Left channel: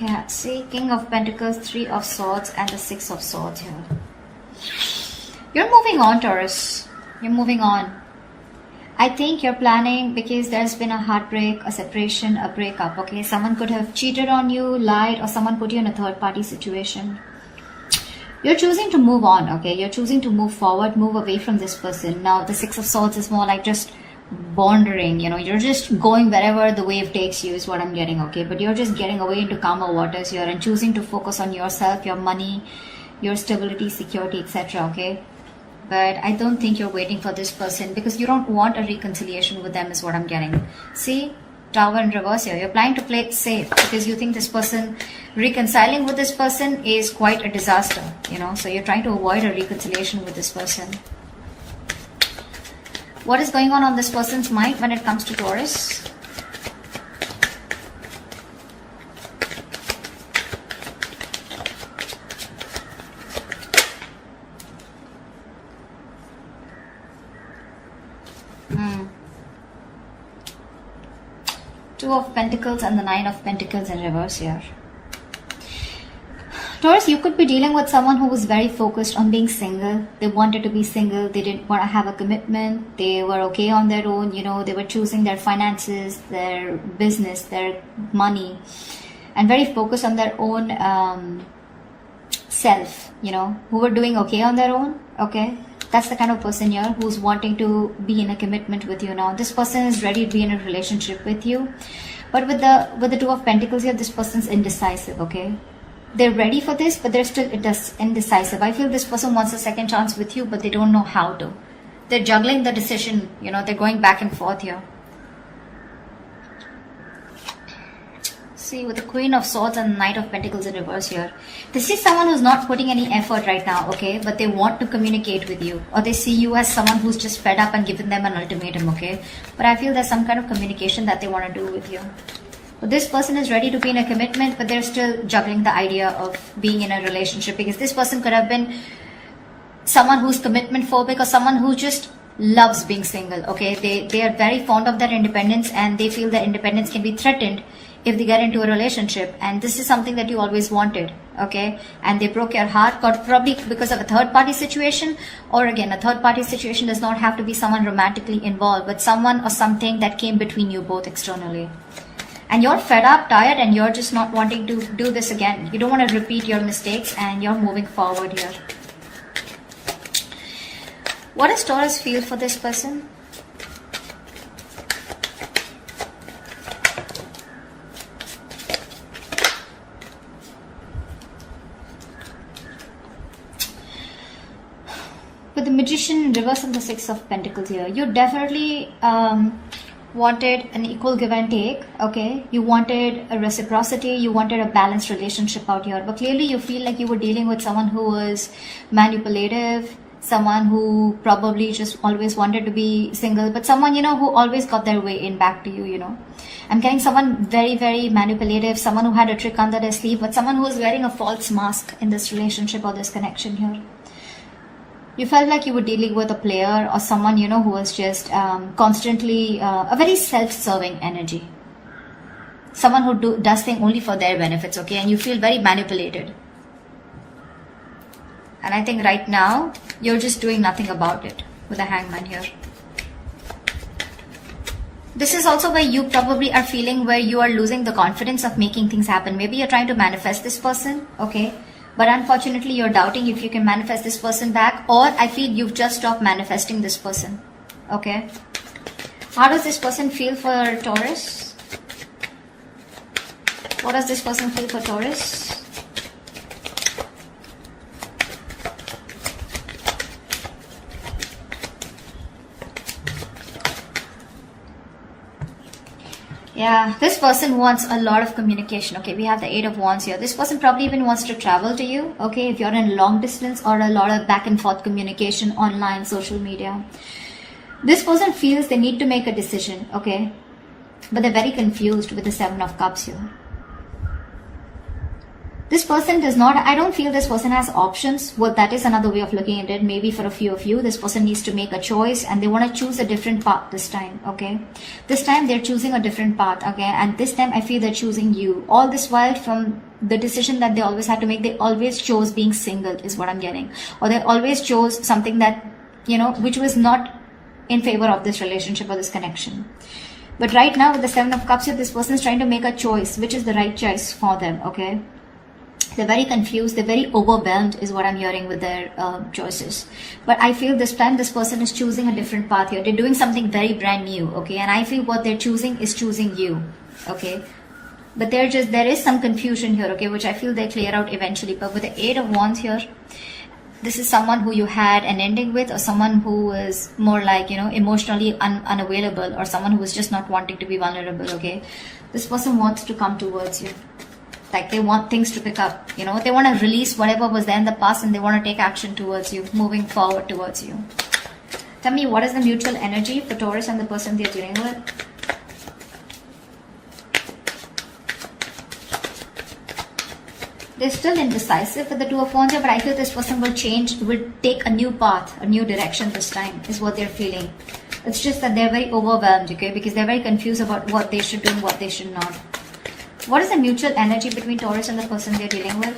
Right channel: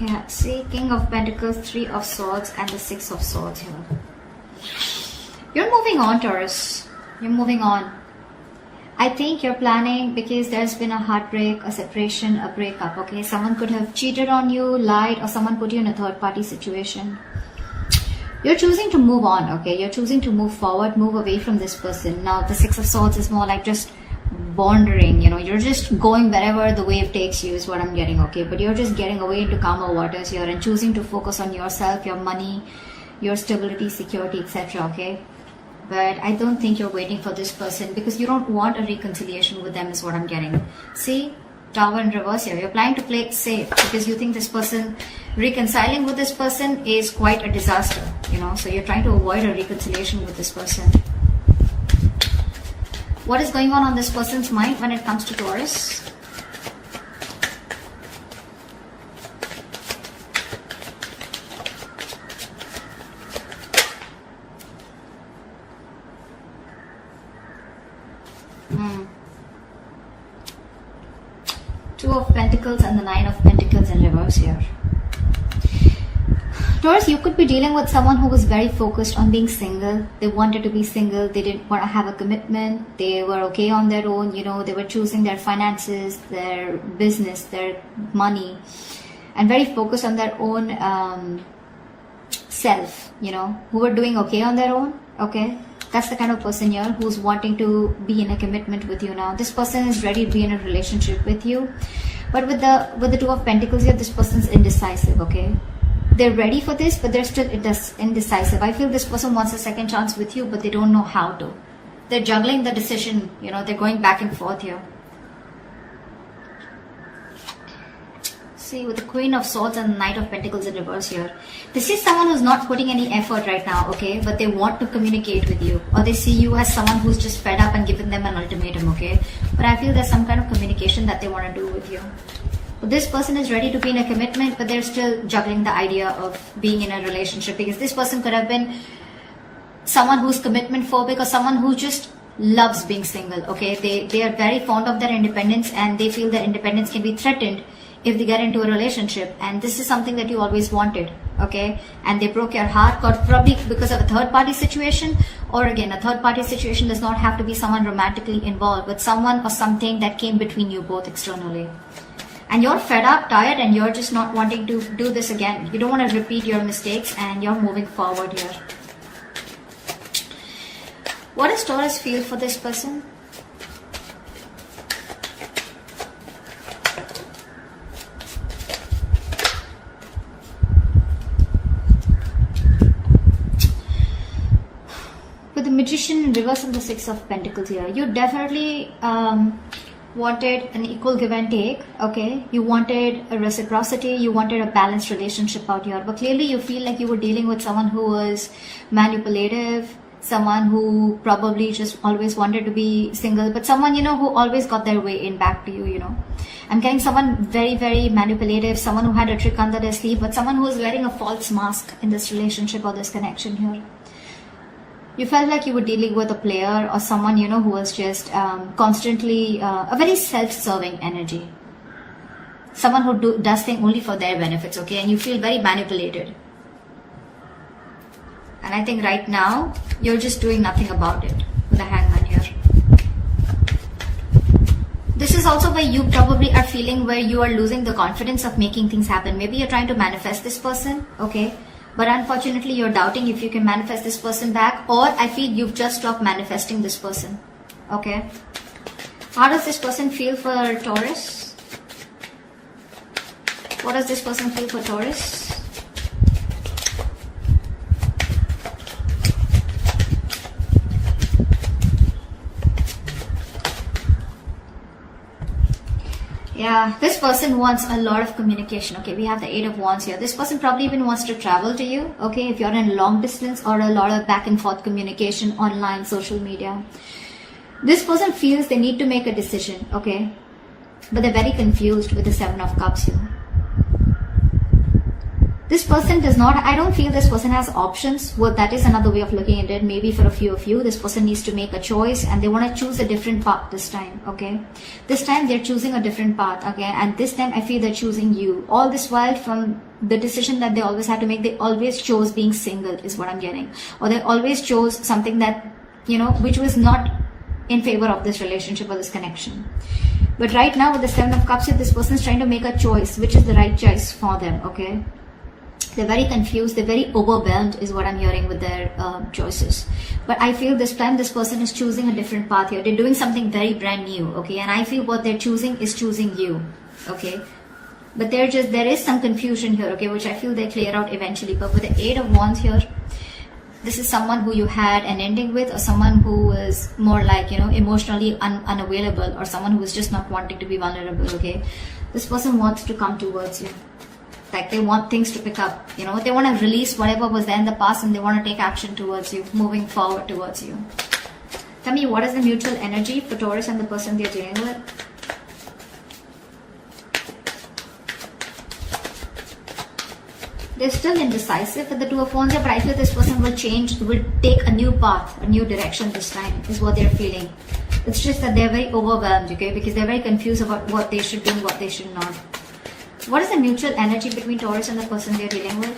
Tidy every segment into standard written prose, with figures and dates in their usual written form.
Yeah, see, King of Pentacles, Three of Swords, and the Six of Swords here. You're moving on, Taurus. You're moving on. I think you're planning because there's been a heartbreak, a separation, a breakup, okay? Someone could have cheated on you, lied, or someone put you in a third-party situation. You're choosing to move on, okay? You're choosing to move forward, move away from this person. Now, the Six of Swords is more like just wandering, you know, you're just going wherever the wave takes you is what I'm getting, okay? But you're just getting away into calmer waters here and choosing to focus on yourself, your money, your stability, security, etc., okay? But I don't think you're waiting for this person because you don't want a reconciliation with them is what I'm getting. See, Tower in reverse here. You're planning to play it safe because you think this person, reconciling with this person is quite a disaster, you know? So you're trying to avoid a reconciliation with this person. What is going on this person's mind when it comes to Taurus? Two of Pentacles and the Nine of Pentacles in reverse here. Taurus, you could be dealing with someone who was very focused on being single. They wanted to be single. They didn't want to have a commitment. They were okay on their own. You know, they were choosing their finances, their business, their money, and very focused on their own self, you know, who were doing okay on their own. Okay, that's the kind of person here who's wanting to be in a commitment with you now. This person is ready to be in a relationship with you, but with the Two of Pentacles here, this person's indecisive. Okay, they're ready for this, but they're still indecisive. I feel this person wants a second chance with you, but they don't know how to. They're juggling the decision, you know, they're going back and forth here. See, with the Queen of Swords and the Knight of Pentacles in reverse here. This is someone who's not putting any effort right now, okay? But they want to communicate with you. Or they see you as someone who's just fed up and given them an ultimatum, okay? But I feel there's some kind of communication that they want to do with you. But this person is ready to be in a commitment, but they're still juggling the idea of being in a relationship. Because this person could have been someone who's commitment phobic or someone who just loves being single, okay? They are very fond of their independence and they feel their independence can be threatened if they get into a relationship, and this is something that you always wanted, okay? And they broke your heart, probably because of a third-party situation, or again, a third-party situation does not have to be someone romantically involved, but someone or something that came between you both externally. And you're fed up, tired, and you're just not wanting to do this again. You don't want to repeat your mistakes, and you're moving forward here. What does Taurus feel for this person? With the Magician in reverse and the Six of Pentacles here, you definitely wanted an equal give and take, okay? You wanted a reciprocity, you wanted a balanced relationship out here, but clearly you feel like you were dealing with someone who was manipulative, someone who probably just always wanted to be single, but someone, you know, who always got their way in back to you, you know. I'm getting someone very, very manipulative, someone who had a trick under their sleeve, but someone who was wearing a false mask in this relationship or this connection here. You felt like you were dealing with a player or someone, you know, who was just constantly a very self-serving energy. Someone who does things only for their benefits, okay? And you feel very manipulated. And I think right now, you're just doing nothing about it with the Hangman here. This is also where you probably are feeling where you are losing the confidence of making things happen. Maybe you're trying to manifest this person, okay? But unfortunately, you're doubting if you can manifest this person back, or I feel you've just stopped manifesting this person, okay? How does this person feel for Taurus? What does this person feel for Taurus? Yeah, this person wants a lot of communication. Okay, we have the Eight of Wands here. This person probably even wants to travel to you. Okay, if you're in long distance or a lot of back and forth communication online, social media. This person feels they need to make a decision. Okay, but they're very confused with the Seven of Cups here. This person does not, I don't feel this person has options. Well, that is another way of looking at it. Maybe for a few of you, this person needs to make a choice and they want to choose a different path this time, okay? This time they're choosing a different path, okay? And this time I feel they're choosing you. All this while, from the decision that they always had to make, they always chose being single, is what I'm getting. Or they always chose something that, you know, which was not in favor of this relationship or this connection. But right now with the Seven of Cups here, this person's trying to make a choice, which is the right choice for them, okay? They're very confused, they're very overwhelmed is what I'm hearing with their choices. But I feel this time this person is choosing a different path here. They're doing something very brand new, okay? And I feel what they're choosing is choosing you, okay? But there is some confusion here, okay? Which I feel they'll clear out eventually. But with the Eight of Wands here, this is someone who you had an ending with, or someone who is more like, you know, emotionally unavailable, or someone who is just not wanting to be vulnerable, okay? This person wants to come towards you. Like they want things to pick up, you know, they want to release whatever was there in the past and they want to take action towards you, moving forward towards you. Tell me, what is the mutual energy for Taurus and the person they're dealing with? They're still indecisive with the Two of Wands here, but I feel this person will change, will take a new path, a new direction this time, is what they're feeling. It's just that they're very overwhelmed, okay, because they're very confused about what they should do, what they should not. What is the mutual energy between Taurus and the person they're dealing with?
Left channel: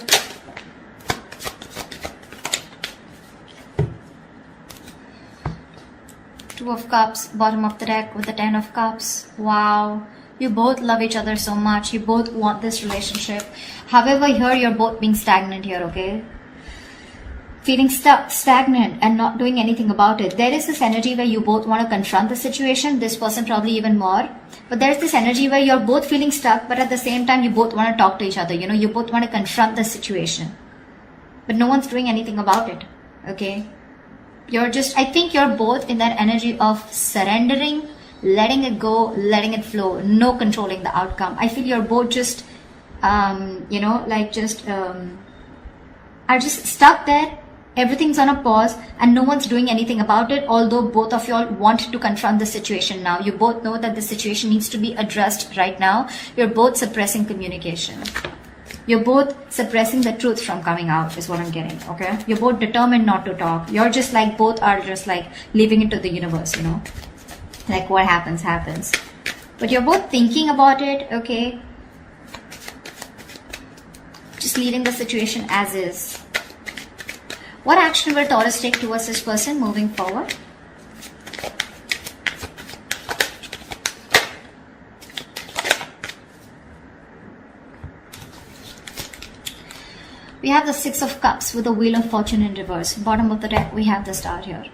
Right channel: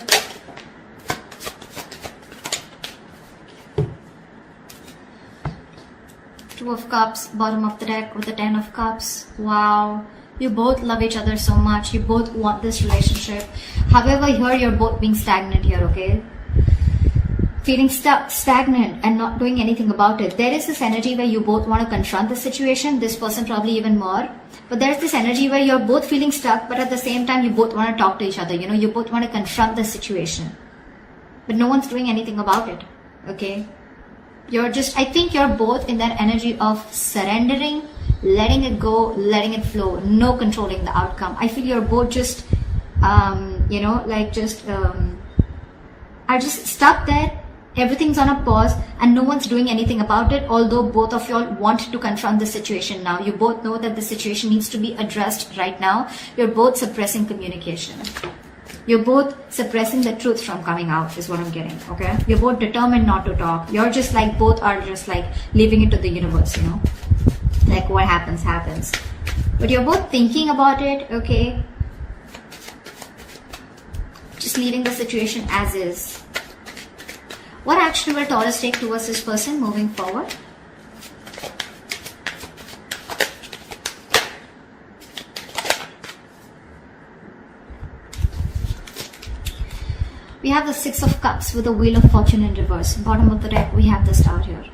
Two of Cups, bottom of the deck with the Ten of Cups. Wow. You both love each other so much. You both want this relationship. However, here you're both being stagnant here, okay? Feeling stuck, stagnant, and not doing anything about it. There is this energy where you both want to confront the situation. This person probably even more. But there's this energy where you're both feeling stuck, but at the same time you both want to talk to each other. You know, you both want to confront the situation. But no one's doing anything about it, okay? I think you're both in that energy of surrendering, letting it go, letting it flow, no controlling the outcome. I feel you're both just, you know, like are just stuck there. Everything's on a pause and no one's doing anything about it, although both of you all want to confront the situation now. You both know that the situation needs to be addressed right now. You're both suppressing communication. You're both suppressing the truth from coming out, is what I'm getting, okay? You're both determined not to talk. You're just like, both are just like leaving it to the universe, you know? Like what happens, happens. But you're both thinking about it, okay? Just leaving the situation as is. What action will Taurus take towards this person moving forward? We have the Six of Cups with the Wheel of Fortune in reverse. Bottom of the deck, we have the Star here.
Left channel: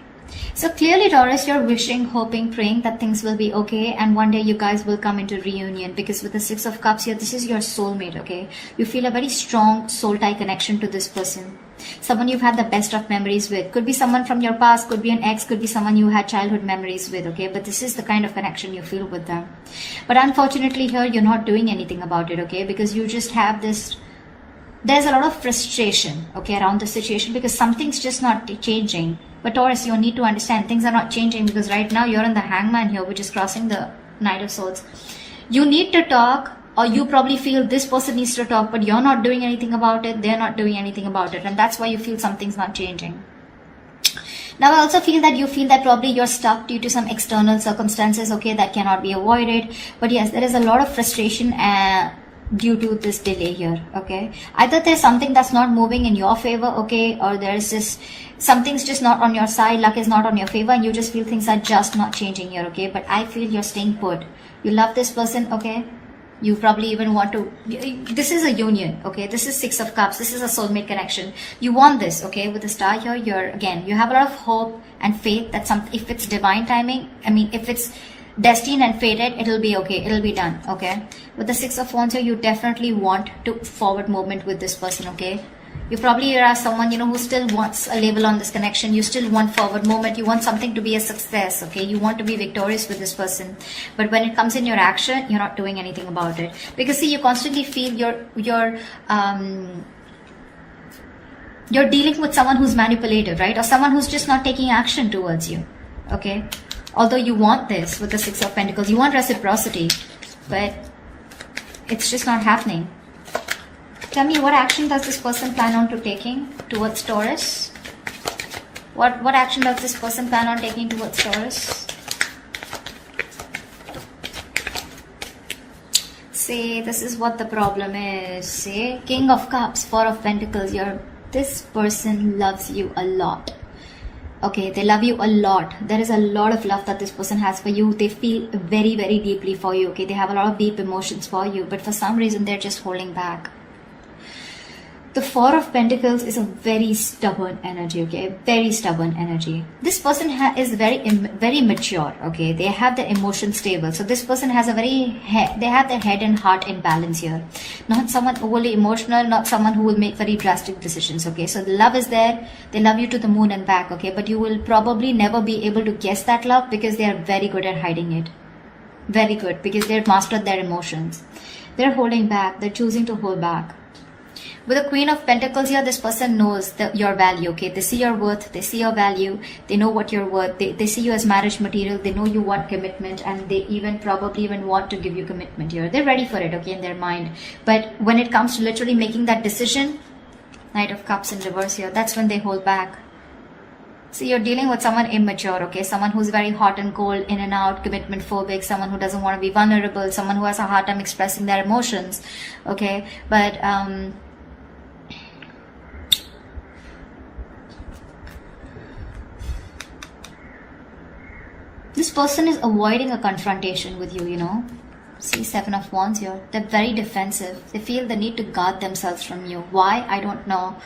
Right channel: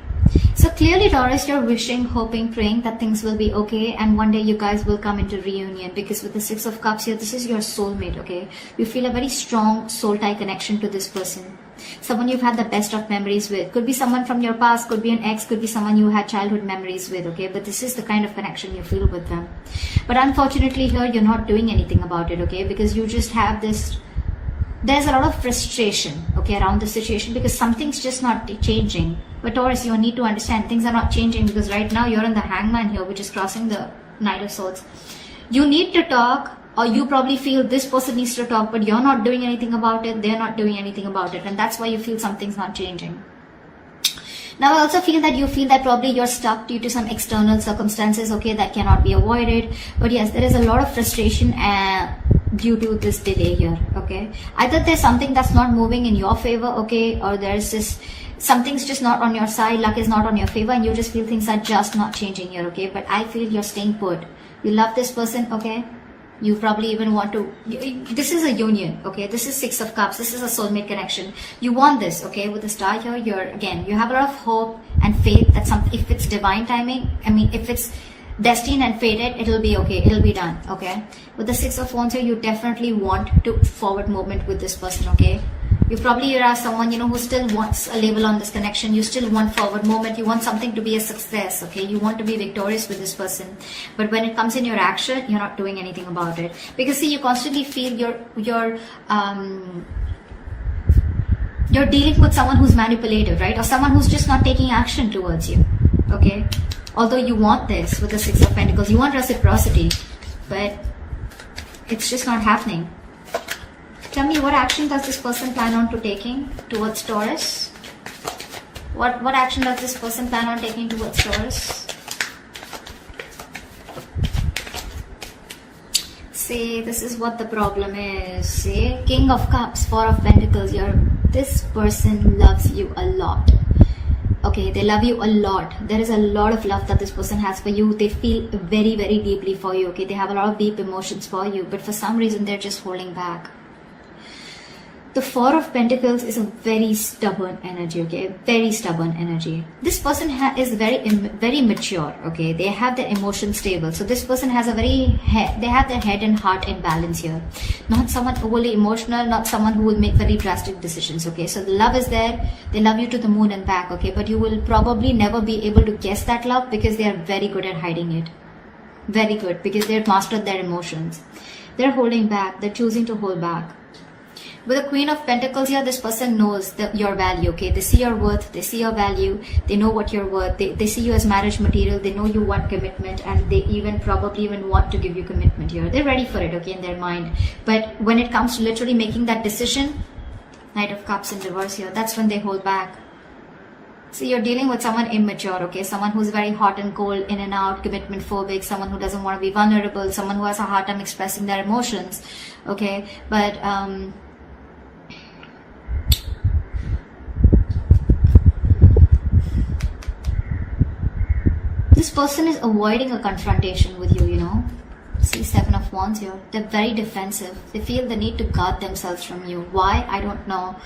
So clearly, Taurus, you're wishing, hoping, praying that things will be okay and one day you guys will come into reunion, because with the Six of Cups here, this is your soulmate, okay? You feel a very strong soul tie connection to this person. Someone you've had the best of memories with. Could be someone from your past, could be an ex, could be someone you had childhood memories with, okay? But this is the kind of connection you feel with them. But unfortunately here, you're not doing anything about it, okay? Because you just have this, there's a lot of frustration, okay, around the situation because something's just not changing. But Taurus, you need to understand things are not changing because right now you're in the Hangman here, which is crossing the Knight of Swords. You need to talk, or you probably feel this person needs to talk, but you're not doing anything about it, they're not doing anything about it, and that's why you feel something's not changing. Now I also feel that you feel that probably you're stuck due to some external circumstances, okay, that cannot be avoided. But yes, there is a lot of frustration due to this delay here, okay. Either there's something that's not moving in your favor, okay, or there's this, something's just not on your side, luck is not on your favor, and you just feel things are just not changing here, okay. But I feel you're staying put. You love this person, okay. You probably even want to, this is a union, okay, this is Six of Cups, this is a soulmate connection. You want this, okay, with the Star here, you have a lot of hope and faith that if it's divine timing, I mean, if it's destined and fated, it'll be okay, it'll be done, okay. With the Six of Wands here, you definitely want to forward movement with this person, okay. You probably are someone, you know, who still wants a label on this connection. You still want forward movement. You want something to be a success, okay? You want to be victorious with this person. But when it comes in your action, you're not doing anything about it. Because see, you constantly feel you're dealing with someone who's manipulative, right? Or someone who's just not taking action towards you, okay? Although you want this with the Six of Pentacles, you want reciprocity, but it's just not happening. Tell me, what action does this person plan on to taking towards Taurus? What action does this person plan on taking towards Taurus? See, this is what the problem is. See, King of Cups, Four of Pentacles. This person loves you a lot. Okay, they love you a lot. There is a lot of love that this person has for you. They feel very, very deeply for you. Okay, they have a lot of deep emotions for you, but for some reason they're just holding back. The Four of Pentacles is a very stubborn energy, okay? Very stubborn energy. This person is very mature, okay? They have their emotions stable. So this person has they have their head and heart in balance here. Not someone overly emotional, not someone who will make very drastic decisions, okay? So the love is there. They love you to the moon and back, okay? But you will probably never be able to guess that love because they are very good at hiding it. Very good, because they've mastered their emotions. They're holding back. They're choosing to hold back. With the Queen of Pentacles here, this person knows your value, okay? They see your worth, they see your value, they know what you're worth, they see you as marriage material, they know you want commitment, and they probably even want to give you commitment here. They're ready for it, okay, in their mind. But when it comes to literally making that decision, Knight of Cups in reverse here, that's when they hold back. So you're dealing with someone immature, okay? Someone who's very hot and cold, in and out, commitment phobic, someone who doesn't want to be vulnerable, someone who has a hard time expressing their emotions, okay? But, this person is avoiding a confrontation with you, you know. See, Seven of Wands here. They're very defensive. They feel the need to guard themselves from you. Why? I don't know.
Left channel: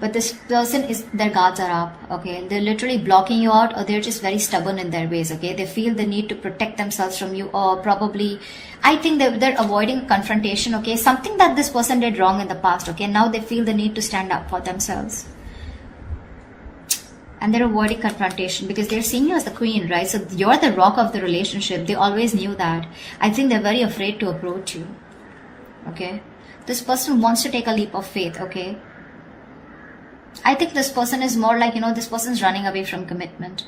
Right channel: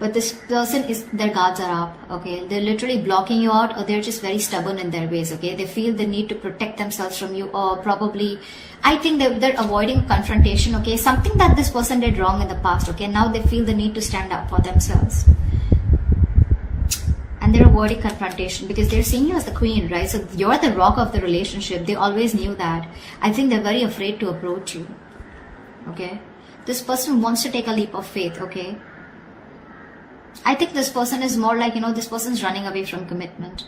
But this person their guards are up, okay. They're literally blocking you out, or they're just very stubborn in their ways, okay. They feel the need to protect themselves from you, or probably, I think they're avoiding confrontation, okay. Something that this person did wrong in the past, okay. Now they feel the need to stand up for themselves. And they're avoiding confrontation because they're seeing you as the queen, right? So you're the rock of the relationship. They always knew that. I think they're very afraid to approach you, okay? This person wants to take a leap of faith, okay? I think this person is more like, you know, this person's running away from commitment.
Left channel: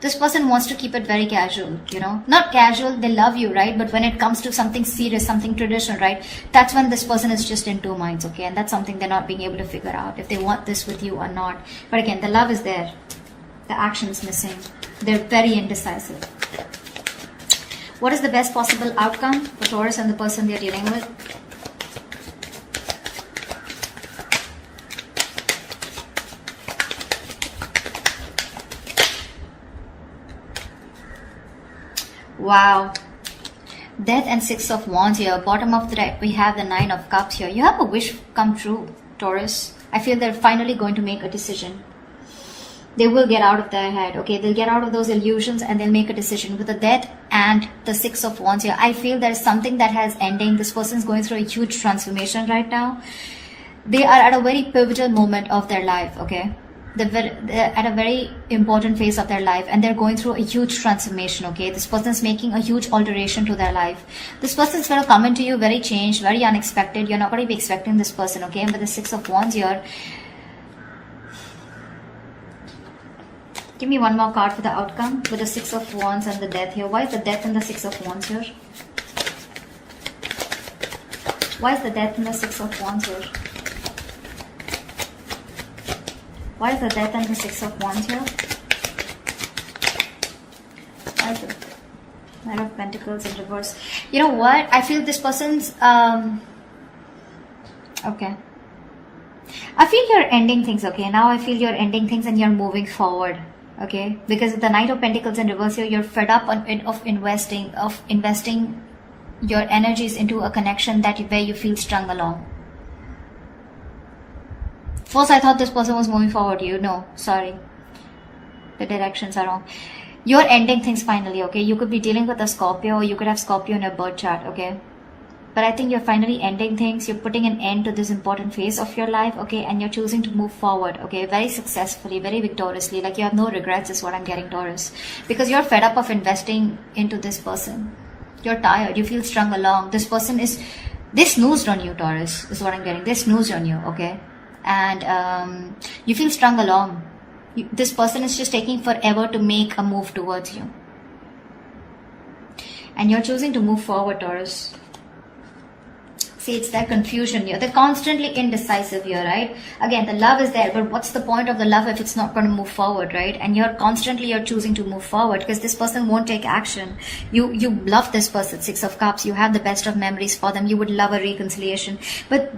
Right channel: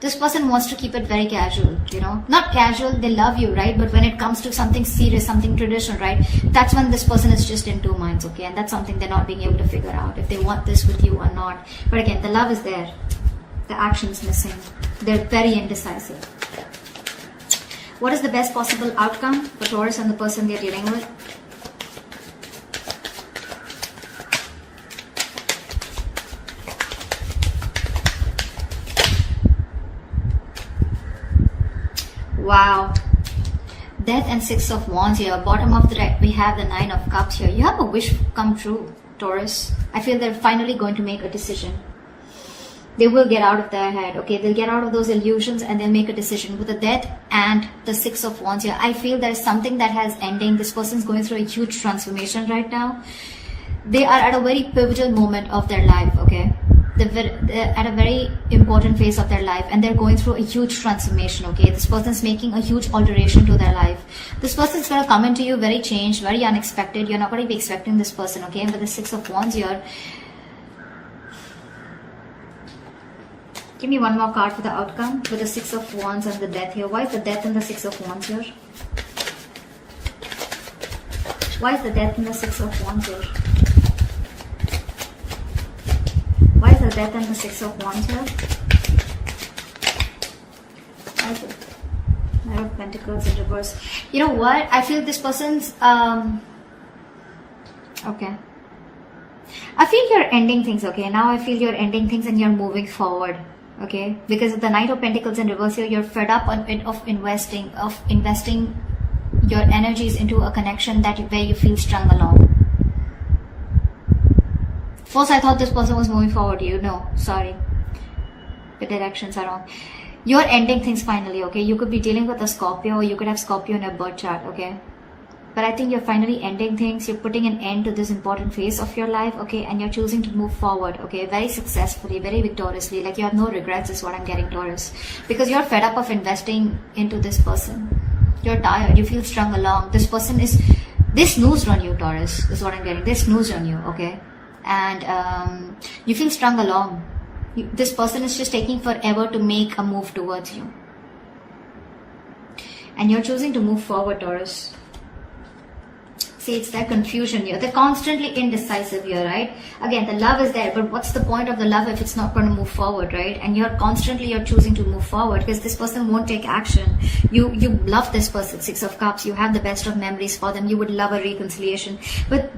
This person wants to keep it very casual, you know? Not casual, they love you, right? But when it comes to something serious, something traditional, right? That's when this person is just in two minds, okay? And that's something they're not being able to figure out, if they want this with you or not. But again, the love is there. The action's missing. They're very indecisive. What is the best possible outcome for Taurus and the person they're dealing with? Wow. Death and Six of Wands here. Bottom of the deck, we have the Nine of Cups here. You have a wish come true, Taurus. I feel they're finally going to make a decision. They will get out of their head, okay? They'll get out of those illusions and they'll make a decision. With the Death and the Six of Wands here, I feel there's something that has ending. This person's going through a huge transformation right now. They are at a very pivotal moment of their life, okay? They're at a very important phase of their life and they're going through a huge transformation, okay? This person's making a huge alteration to their life. This person's going to come into you very changed, very unexpected. You're not going to be expecting this person, okay? And with the Six of Wands here, give me one more card for the outcome with the Six of Wands and the Death here. Why is the Death and the Six of Wands here? Why is the Death and the Six of Wands here? Why is the Death and the Six of Wands here? Why is the Knight of Pentacles in reverse? You know what? I feel this person's okay. I feel you're ending things, okay? Now I feel you're ending things and you're moving forward. Okay, because the Knight of Pentacles in reverse here, you're fed up of investing your energies into a connection where you feel strung along. First, I thought this person was moving forward. No, sorry, the directions are wrong. You're ending things finally. Okay, you could be dealing with a Scorpio, or you could have Scorpio in your birth chart. Okay. But I think you're finally ending things. You're putting an end to this important phase of your life, okay? And you're choosing to move forward, okay? Very successfully, very victoriously. Like you have no regrets is what I'm getting, Taurus. Because you're fed up of investing into this person. You're tired. You feel strung along. This person they snoozed on you, Taurus, is what I'm getting. They snoozed on you, okay? And you feel strung along. This person is just taking forever to make a move towards you. And you're choosing to move forward, Taurus. See, it's that confusion here. They're constantly indecisive here, right? Again, the love is there, but what's the point of the love if it's not going to move forward, right? And you're choosing to move forward because this person won't take action. You love this person, Six of Cups. You have the best of memories for them. You would love a reconciliation, but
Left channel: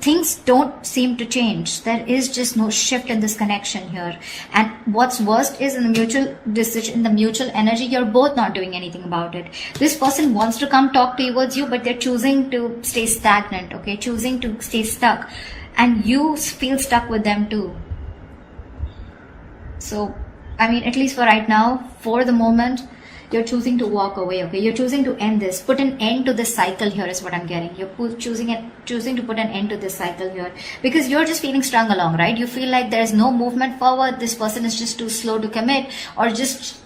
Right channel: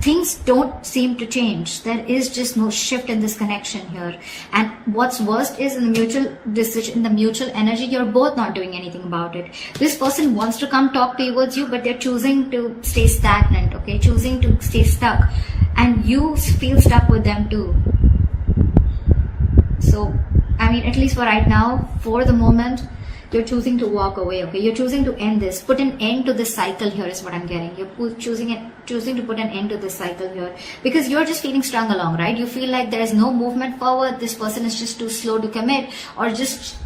things don't seem to change. There is just no shift in this connection here. And what's worst is in the mutual decision, in the mutual energy, you're both not doing anything about it. This person wants to come talk towards you, but they're choosing to stay stagnant, okay? Choosing to stay stuck. And you feel stuck with them too. So, I mean, at least for right now, for the moment, you're choosing to walk away, okay? You're choosing to end this. Put an end to this cycle here is what I'm getting. You're choosing to put an end to this cycle here. Because you're just feeling strung along, right? You feel like there's no movement forward. This person is just too slow to commit. Or just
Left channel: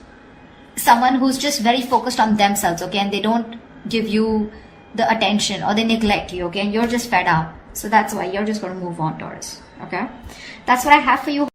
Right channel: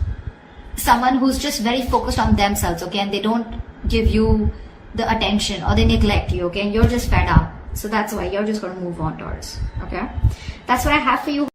someone who's just very focused on themselves, okay? And they don't give you the attention or they neglect you, okay? You're just fed out. So that's why you're just going to move on, Taurus, okay? That's what I have for you.